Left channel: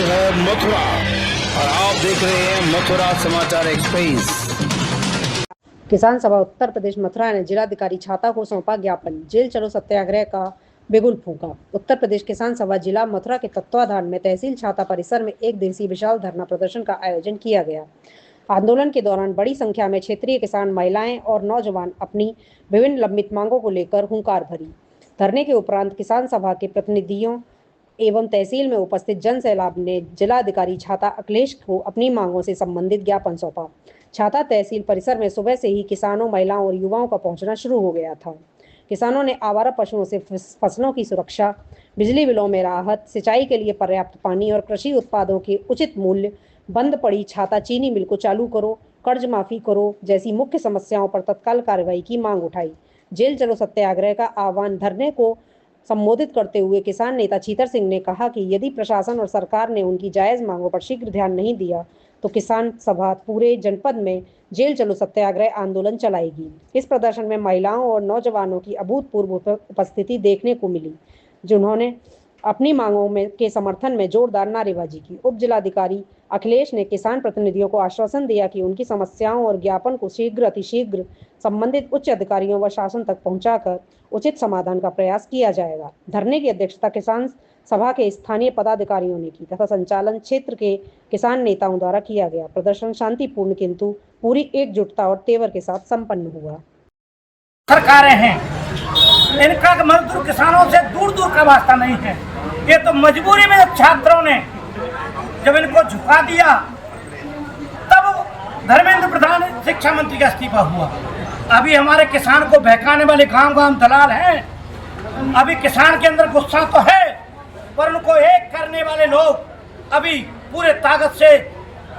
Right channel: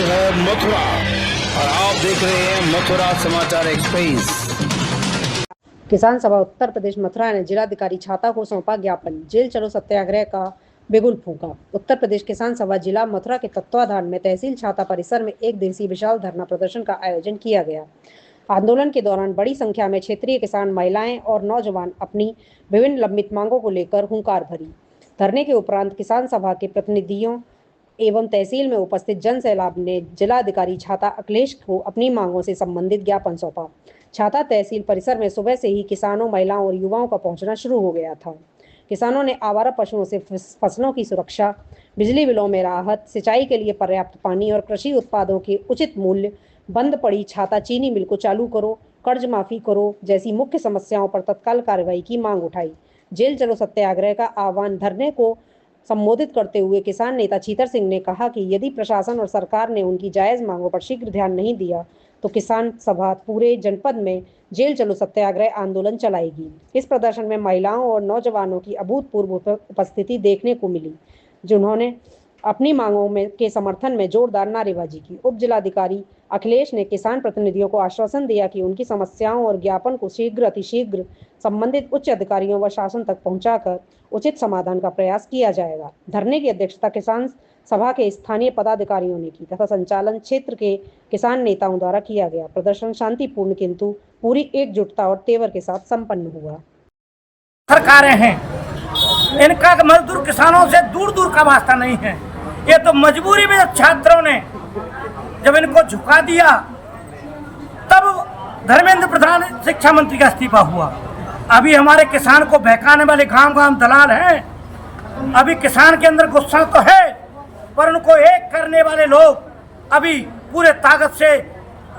है मथुरा और आप देख रहे हैं मथुरा समाचार एक्सप्रेस। किसान सभा उत्तर प्रदेश मथुरा ने जिलाधिकारी छाता को सौंपा ज्ञापन। जेल चलो सत्याग्रह का बिगुल फूंका। उत्तर प्रदेश किसान सभा जिला मथुरा के तत्वाधान में तहसील छाता परिसर में एक दिवसीय विशाल धरना प्रदर्शन का आयोजन किया गया। आंदोलन के दौरान बड़ी संख्या में क्षेत्रीय किसान, महिलाएं और नौजवान अपनी विभिन्न लंबित मांगों को लेकर हुंकार भरी। धरने के उपरांत किसान सभा के प्रतिनिधियों एवं तहसील में उपस्थित जन सैलाब ने जिलाधिकारी छाता अखिलेश को अपनी मांगों से संबंधित ज्ञापन सौंपा। छाता तहसील परिसर में सुबह से ही किसानों, महिलाओं और युवाओं का पहुंचना शुरू हो गया था। किसानों ने आवारा पशुओं से फसलों की सुरक्षा, बिजली बिलों में राहत, सिंचाई के लिए पर्याप्त पानी और कृषि उत्पादों के उचित मूल्य, बंद पड़ी छाता चीनी मिल को चालू करो, कर्ज माफी करो जैसी मुख्य समस्याओं पर तत्काल कार्रवाई की मांग उठाई। जेल चलो सत्याग्रह का आह्वान धरने को संबोधित करते हुए किसान नेता छीतर सिंह ने कहा कि यदि प्रशासन और सरकार ने उनकी जायज मांगों पर शीघ्र ध्यान नहीं दिया तो किसान सभा पूरे जनपद में जेल चलो सत्याग्रह आंदोलन चलाएगी। इस प्रदर्शन में महिलाओं और नौजवानों की अभूतपूर्व उपस्थिति देखने को मिली, जिन्होंने अपनी मांगों में के समर्थन में जोरदार नारेबाजी की। उप जिलाधिकारी अखिलेश ने किसान प्रतिनिधियों को आश्वासन दिया कि उनकी समस्याओं और ज्ञापन को शीघ्र अतिशीघ्र संबंधित उच्च अधिकारियों व शासन तक पहुंचाकर उचित समाधान का प्रयास किया जाएगा। धरने की अध्यक्षता किसान सभा के स्थानीय पदाधिकारियों ने की तथा संचालन क्षेत्र के किसान नेताओं द्वारा किया गया। प्रदर्शन शांतिपूर्ण किंतु पूरी एकजुटता और तेवर के साथ संपन्न हुआ। सरकारें हैं, इनका मजदूर किसानों से दूर दूर का वास्ता नहीं है। ये तो मजबूरी में छात्रों ने जब इनको झुका दिया तब धर्मेंद्र प्रधान शिक्षा मंत्री का इस्तीफा हुआ। अभी हमारे किसान को बहकाने वाले गांव गांव दलाल हैं। अभी किसान के अंदर गुस्सा तो है, पर उनको एक करने वाले लोग अभी पूरे ताकत से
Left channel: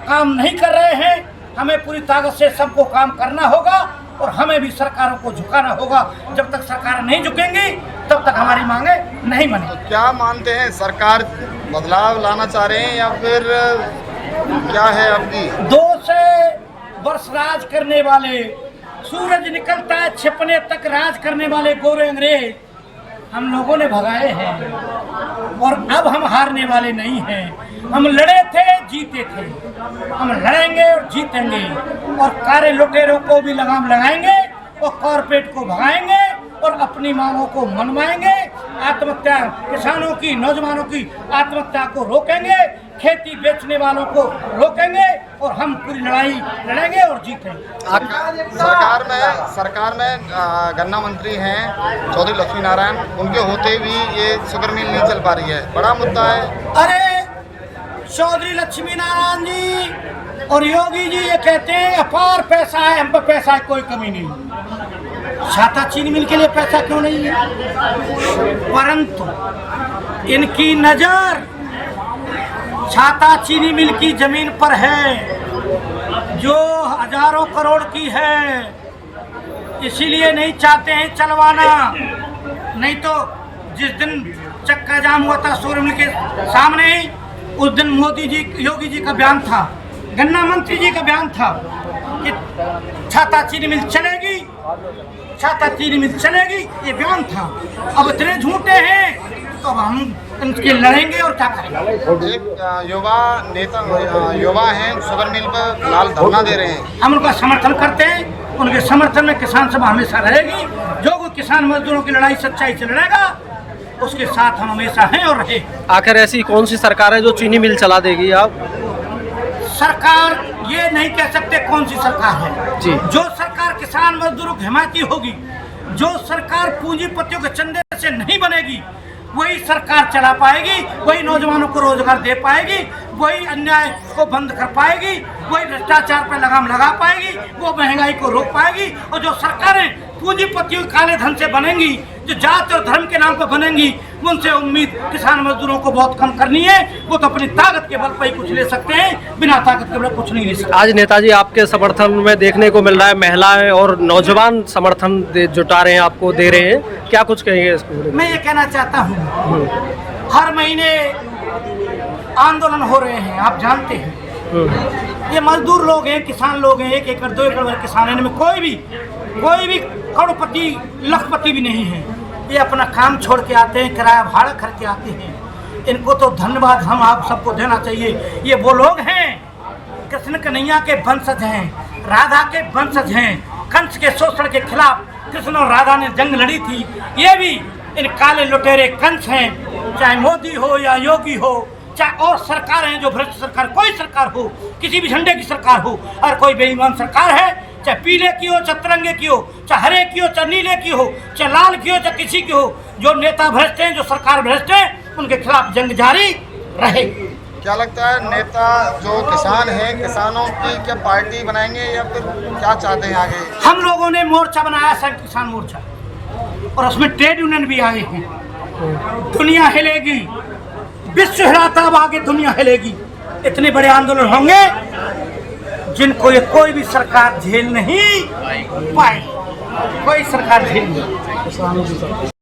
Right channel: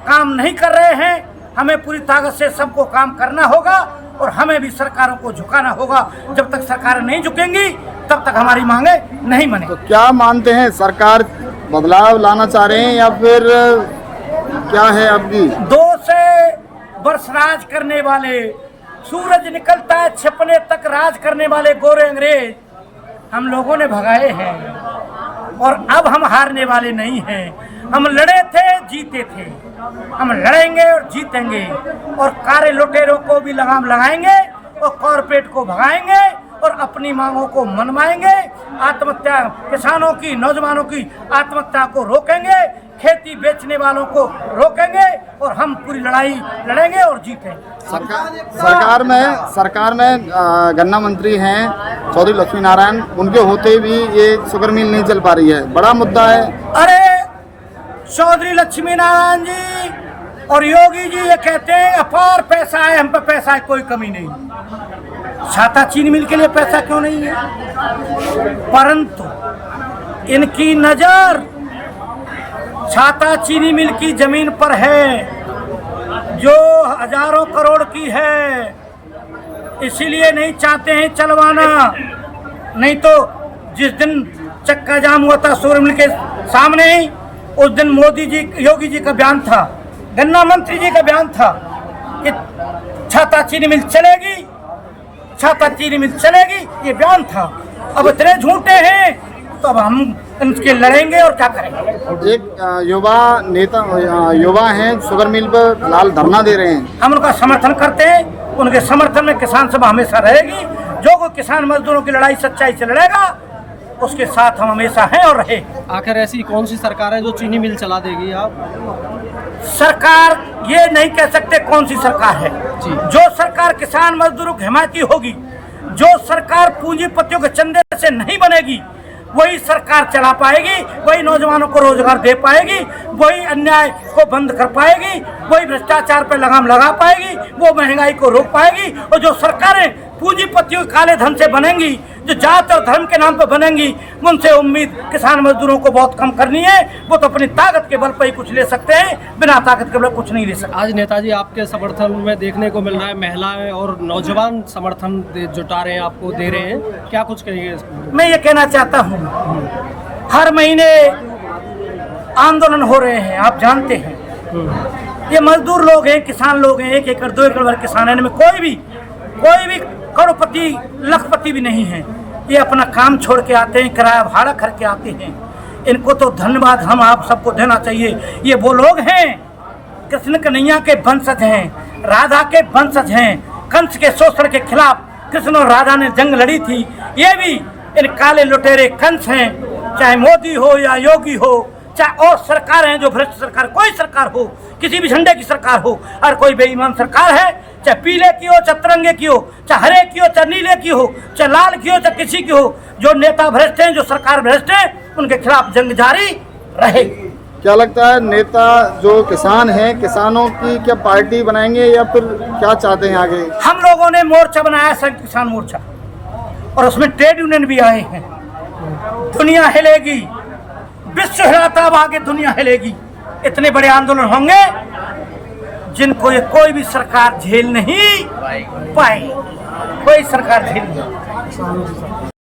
काम नहीं कर रहे हैं। हमें पूरी ताकत से सबको काम करना होगा और हमें भी सरकारों को झुकाना होगा। जब तक सरकार नहीं झुकेंगी तब तक हमारी मांगे नहीं बनेगी। तो क्या मानते हैं, सरकार बदलाव लाना चाह रहे हैं या फिर क्या है आपकी? 2 से वर्ष राज करने वाले, सूरज निकलता है छिपने तक राज करने वाले गोरे अंग्रेज हम लोगों ने भगाए हैं और अब हम हारने वाले नहीं हैं। हम लड़े थे, जीते थे, हम लड़ेंगे और जीतेंगे और कारे लुटेरों को भी लगाम लगाएंगे और कॉर्पोरेट को भगाएंगे और अपनी मांगों को मनवाएंगे। आत्महत्या, किसानों की, नौजवानों की आत्महत्या को रोकेंगे, खेती बेचने वालों को रोकेंगे और हम पूरी लड़ाई लड़ेंगे और जीतेंगे। सरकार में गन्ना मंत्री हैं चौधरी लक्ष्मी नारायण, उनके होते भी ये शुगर मिल नहीं चल पा रही है, बड़ा मुद्दा है। अरे चौधरी लक्ष्मी नारायण जी और योगी जी ये कहते हैं अपार पैसा है, हम पे पैसा है, कोई कमी नहीं। छाता चीनी मिल के लिए पैसा क्यों नहीं है? परंतु इनकी नजर छाता चीनी मिल की जमीन पर है जो हजारों करोड़ की है, इसीलिए नहीं चाहते हैं चलवाना। नहीं तो जिस दिन चक्का जाम हुआ था शुगर मिल के सामने ही, उस दिन मोदी जी, योगी जी का बयान था, गन्ना मंत्री जी का बयान था कि छाता चीनी मिल चलेगी, छाता चीनी मिल चलेगी, ये बयान था। अब इतने झूठे हैं तो अब हम इनके लड़ेंगे और क्या करेंगे। एक युवा हैं, शुगर मिल पर लाल धरना दे रहे हैं, हम उनका समर्थन करते हैं। उनके समर्थन में किसान सभा हमेशा रहेगी। जो कोई किसान मजदूरों की लड़ाई सच्चाई से लड़ेगा उसके साथ हम हमेशा हैं और रहे। आखिर ऐसी कौन सी सरकार है जो चीनी मिल चला देगी? आप सरकार ये नहीं कह सकते कौन सी सरकार है जी। जो सरकार किसान मजदूरों की हिमायती होगी, जो सरकार पूंजीपतियों के चंदे से नहीं बनेगी, वही सरकार चला पाएगी, वही नौजवानों को रोजगार दे पाएगी, वही अन्याय को बंद कर पाएगी, वही भ्रष्टाचार पर लगाम लगा पाएगी, वो महंगाई को रोक पाएगी। और जो सरकारें पूंजीपतियों काले धन से बनेंगी, जो जात और धर्म के नाम पर बनेंगी, उनसे उम्मीद किसान मजदूरों को बहुत कम करनी है। वो तो अपनी ताकत के बल पर ही कुछ ले सकते हैं, बिना ताकत के बल कुछ नहीं ले सकते। आज नेताजी आपके समर्थन में देखने को मिल रहा है, महिलाएं और नौजवान समर्थन जुटा रहे हैं, आपको दे रहे हैं, क्या कुछ कहेंगे इसको? मैं ये कहना चाहता हूँ, हर महीने आंदोलन हो रहे हैं, आप जानते हैं। ये मजदूर लोग हैं, किसान लोग हैं, 1 एकड़ 2 एकड़ वाले किसान हैं, इनमें कोई भी करोड़पति लखपति भी नहीं है। ये अपना काम छोड़ के आते हैं, किराया भाड़ा करके आते हैं इनको तो धन्यवाद हम आप सबको देना चाहिए। ये वो लोग हैं, कृष्ण कन्हैया के वंशज हैं, राधा के वंशज हैं। कंस के शोषण के खिलाफ कृष्ण और राधा ने जंग लड़ी थी। ये भी इन काले लुटेरे कंस हैं, चाहे मोदी हो या योगी हो, चाहे और सरकार है जो भ्रष्ट सरकार, कोई सरकार हो, किसी भी झंडे की सरकार हो, और कोई बेईमान सरकार है, चाहे पीले की हो, चाहे तिरंगे की हो, चाहे हरे की हो, चाहे नीले की हो, चाहे लाल की हो, चाहे किसी की हो, जो नेता भ्रष्ट हैं, जो सरकार भ्रष्ट है, उनके खिलाफ जंग जारी रहेगी। क्या लगता है नेता जो किसान हैं, किसानों की क्या पार्टी बनाएंगे या फिर क्या चाहते हैं आगे? हम लोगों ने मोर्चा बनाया, संयुक्त किसान मोर्चा, और उसमें ट्रेड यूनियन भी आए हैं। दुनिया हिलेगी, विश्व हिलाता, अब आगे दुनिया हिलेगी। इतने बड़े आंदोलन होंगे जिनको ये कोई भी सरकार झेल नहीं पाएगी, कोई सरकार झेल नहीं।